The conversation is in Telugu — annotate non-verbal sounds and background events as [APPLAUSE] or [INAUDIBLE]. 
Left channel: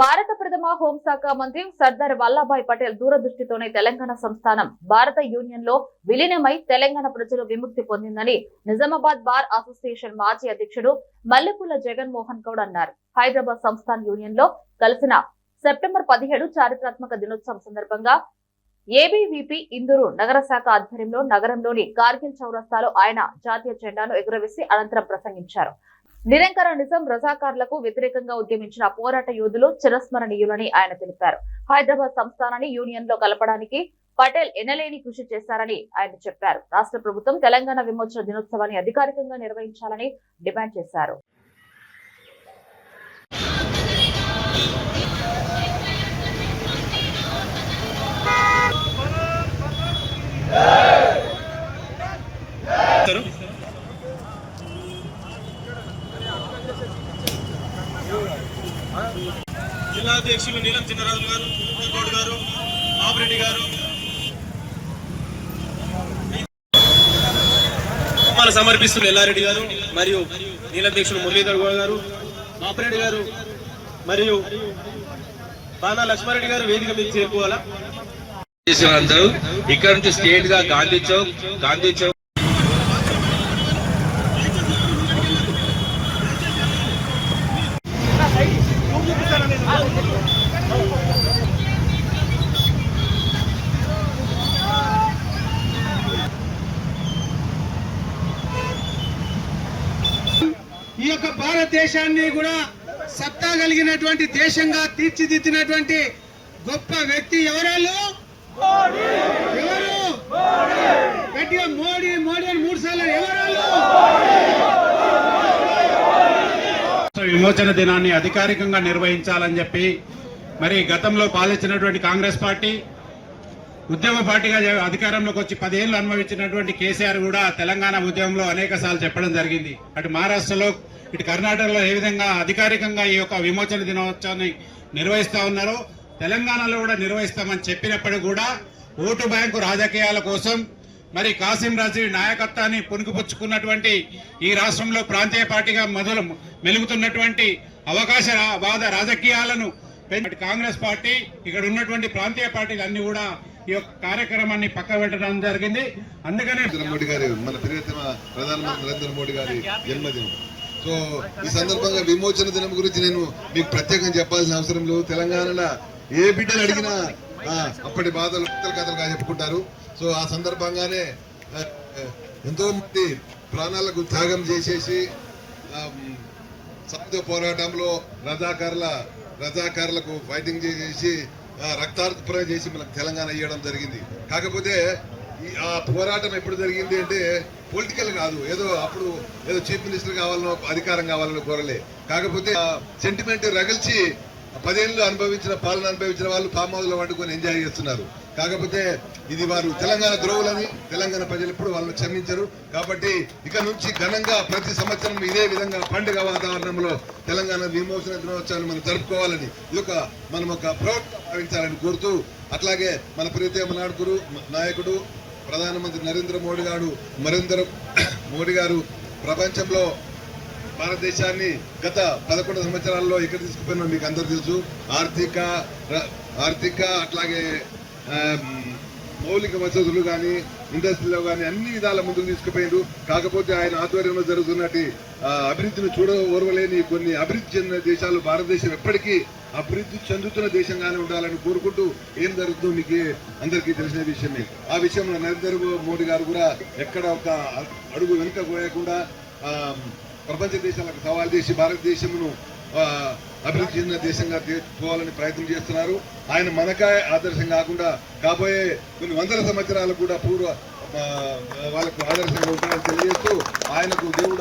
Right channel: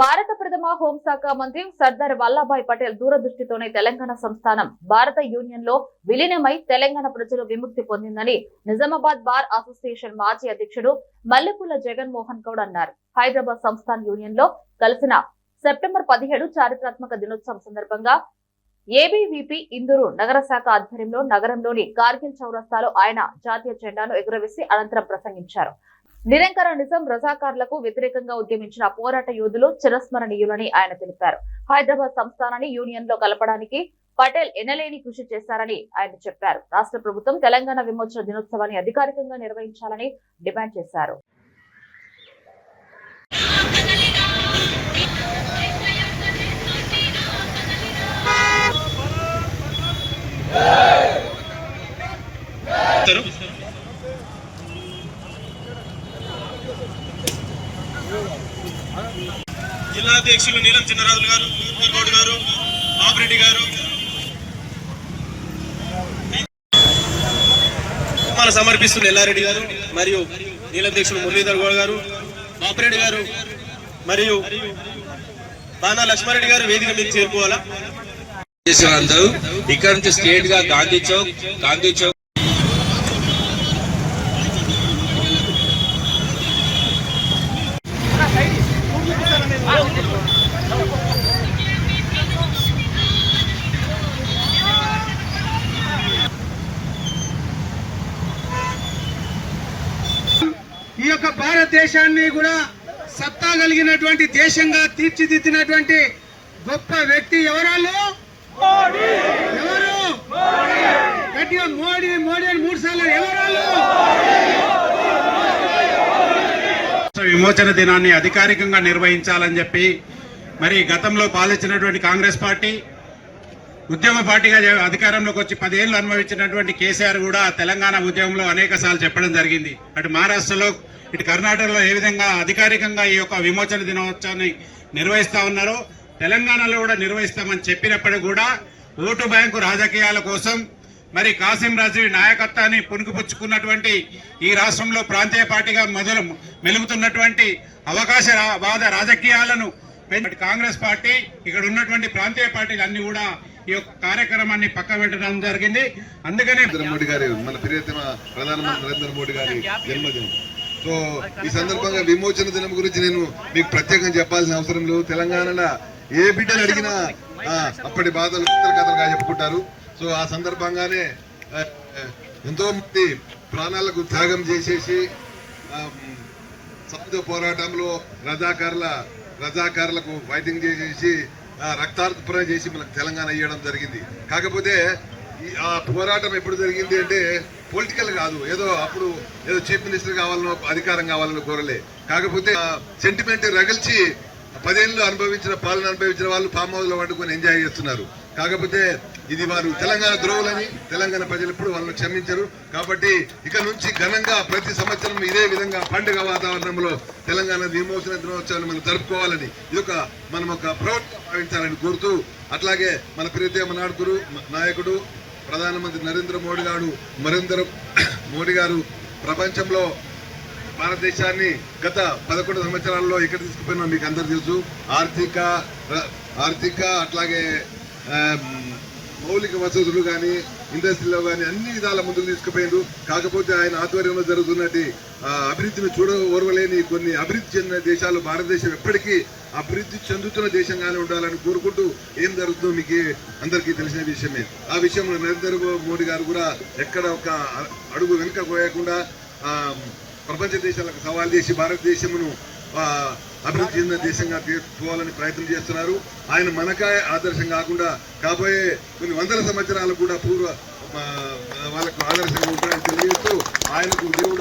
భారత ప్రథమ హోంశాఖ మంత్రి సర్దార్ వల్లభాయ్ పటేల్ దూరదృష్టితోనే తెలంగాణ సంస్థానం భారత యూనియన్లో విలీనమై తెలంగాణ ప్రజలు విముక్తి పొందిందని నిజామాబాద్ బార్ అసోసియేషన్ మాజీ అధ్యక్షుడు మల్లెపూల జగన్మోహన్ గౌడ్ అన్నారు. హైదరాబాద్ సంస్థాన్ యూనియన్లో కలిసిన సెప్టెంబర్ పదిహేడు చారిత్రాత్మక దినోత్సవం సందర్భంగా ఏబీవీపీ ఇందూరు నగర శాఖ ఆధ్వర్యంలో నగరంలోని కార్గిల్ చౌరస్తాలో ఆయన జాతీయ జెండాను ఎగురవేసి అనంతరం ప్రసంగించారు. నిరంకర నిజం రజాకార్లకు వ్యతిరేకంగా ఉద్యమించిన పోరాట యోధులు చిరస్మరణీయులని ఆయన తెలిపారు. హైదరాబాద్ సంస్థానాన్ని యూనియన్లో కలపడానికి పటేల్ ఎనలేని కృషి చేశారని ఆయన చెప్పారు. రాష్ట్ర ప్రభుత్వం తెలంగాణ విమోచన దినోత్సవాన్ని అధికారికంగా నిర్వహించాలని డిమాండ్ చేశారు. జిల్లా అధ్యక్షులు నీలం చిన్నరాజులు గారు గౌడ్ గారు బాబురెడ్డి గారు మన సమర్పిస్తున్న ఎల్లారెడ్డి గారు మరియు నీలాధ్యక్షులు మురళీధర్ గౌడ్ గారు బాపురెడ్డి గారు మరియు బాణా లక్ష్మారెడ్డి గారు వేదిక మీద చేరుకోవాలా? అందరూ. ఇక్కడ నుంచి స్టేట్గా గాంధీ చౌక్ గాంధీ చౌక్. ఈ యొక్క భారతదేశాన్ని కూడా సత్తా కలిగినటువంటి దేశంగా తీర్చిదిద్దినటువంటి గొప్ప వ్యక్తి ఎవరాలు ఎవరు? గట్టిగా మోడీ మోడీ అని మూడు సార్లు ఎవరాలు విమోచన దినాన్ని అధికారికంగా నిర్వహించాలని చెప్పి మరి గతంలో పాలించినటువంటి కాంగ్రెస్ పార్టీ ఉద్యమ పార్టీగా అధికారంలోకి వచ్చి పదేళ్ళు అనుభవించినటువంటి కేసీఆర్ కూడా తెలంగాణ ఉద్యమంలో అనేక చెప్పడం జరిగింది. అటు మహారాష్ట్రలో ఇటు కర్ణాటకలో ఏ విధంగా అధికారికంగా ఈ యొక్క విమోచన దినోత్సవాన్ని నిర్వహిస్తా ఉన్నారో తెలంగాణలో కూడా నిర్వహిస్తామని చెప్పినప్పటికీ కూడా ఓటు బ్యాంకు రాజకీయాల కోసం మరి కాసిం రాజు నాయకత్వాన్ని పుణుకుపుచ్చుకున్నటువంటి ఈ రాష్ట్రంలో ప్రాంతీయ పార్టీగా మొదలు మెలుగుతున్నటువంటి అవకాశ రా- వాద రాజకీయాలను కాంగ్రెస్ పార్టీ ఇక్కడ ఉన్నటువంటి ప్రాంతీయ పార్టీలు అన్ని కూడా ఈ యొక్క కార్యక్రమాన్ని పక్క పెట్టడం జరిగింది. అందుకనే మోడీ గారి మన ప్రియతమ ప్రధానమంత్రి నరేంద్ర మోడీ గారి జన్మదినం. సో ఈ సందర్భంగా విమోచన దినం గురించి నేను మీకు ప్రత్యేకంగా చెప్పాల్సిన అవసరం లేదు. తెలంగాణలో ఏ బిడ్డను అడిగినా అప్పటి బాధలు కథలుగా చెప్పుకుంటారు. సో ఆ సందర్భంగానే ఎంతో మంది ప్రాణాలకు త్యాగం చేసేసి ఆ, సాయుధ పోరాటంలో రజాకారుల రజాకారులకు ఫైటింగ్ చేసేసి రక్తార్పణ చేసి మనకు తెలంగాణ ఇవ్వడం జరిగింది. కాకపోతే ఆ పోరాటం ఎప్పుడు జరిగింది అంటే పొలిటికల్ కాదు. ఏదో అప్పుడు ఏదో చీఫ్ మినిస్టర్ కావాలనో అధికారం కావాలనో కోరలే. కాకపోతే సెంటిమెంట్ రగిల్చి పదేళ్ళు అనుభవించిన పాలన అనుభవించిన వాళ్ళు ఫామ్ హౌస్లో వండుకొని ఎంజాయ్ చేస్తున్నారు. కాకపోతే ఇది వారు తెలంగాణ ద్రోవులని తెలంగాణ ప్రజలు ఎప్పుడు వాళ్ళని క్షమించరు. కాబట్టి ఇక నుంచి ఘనంగా ప్రతి సంవత్సరం ఇదే విధంగా పండుగ వాతావరణంలో తెలంగాణ విమోచన దినోత్సవాన్ని మనం జరుపుకోవాలని ఇది ఒక మనం ఒక ప్రవక్త భావించాలని కోరుతూ అట్లాగే మన ప్రియతమ నాయకుడు నాయకుడు ప్రధానమంత్రి నరేంద్ర మోడీ గారు నరేంద్ర [COUGHS] మోడీ గారు ప్రపంచంలో భారతదేశాన్ని గత పదకొండు సంవత్సరాల్లో ఇక్కడ తీసుకుపోయినా మీకు అందరు తెలుసు. ఆర్థిక ఆర్థిక అట్లాగే మౌలిక వసతులు కానీ ఇండస్ట్రీలో కానీ అన్ని విధాల ముందుకు తీసుకుపోయిండు కాకపోతే ఆయన ఆధ్వర్యంలో జరుగుతున్నటి ఆ, అభివృద్ధిని చూడ ఓర్వలేని కొన్ని అభివృద్ధి చెందిన దేశాలు భారతదేశం ఎప్పటికీ అభివృద్ధి చెందుతున్న దేశంగానే ఉండాలని కోరుకుంటూ ఏం జరుగుతుందో మీకు అందరికీ తెలిసిన విషయమే ఆ విషయంలో నరేంద్ర మోడీ గారు కూడా ఎక్కడ ఒక అడుగు వెనుక పోయకుండా ప్రపంచ దేశాలకు సవాల్ చేసి భారతదేశమును అభివృద్ధి చెందిన దేశంగా తీర్చుకోవాలని ప్రయత్నం చేస్తున్నారు. ఆయన మనకాయ ఆదర్శం కాకుండా కాబోయే కొన్ని వందల సంవత్సరాలు కూడా పూర్వ వాళ్ళకు ఆదర్శంగా ఉంటారని తెలియజేస్తూ ఆయనకు దేవుడు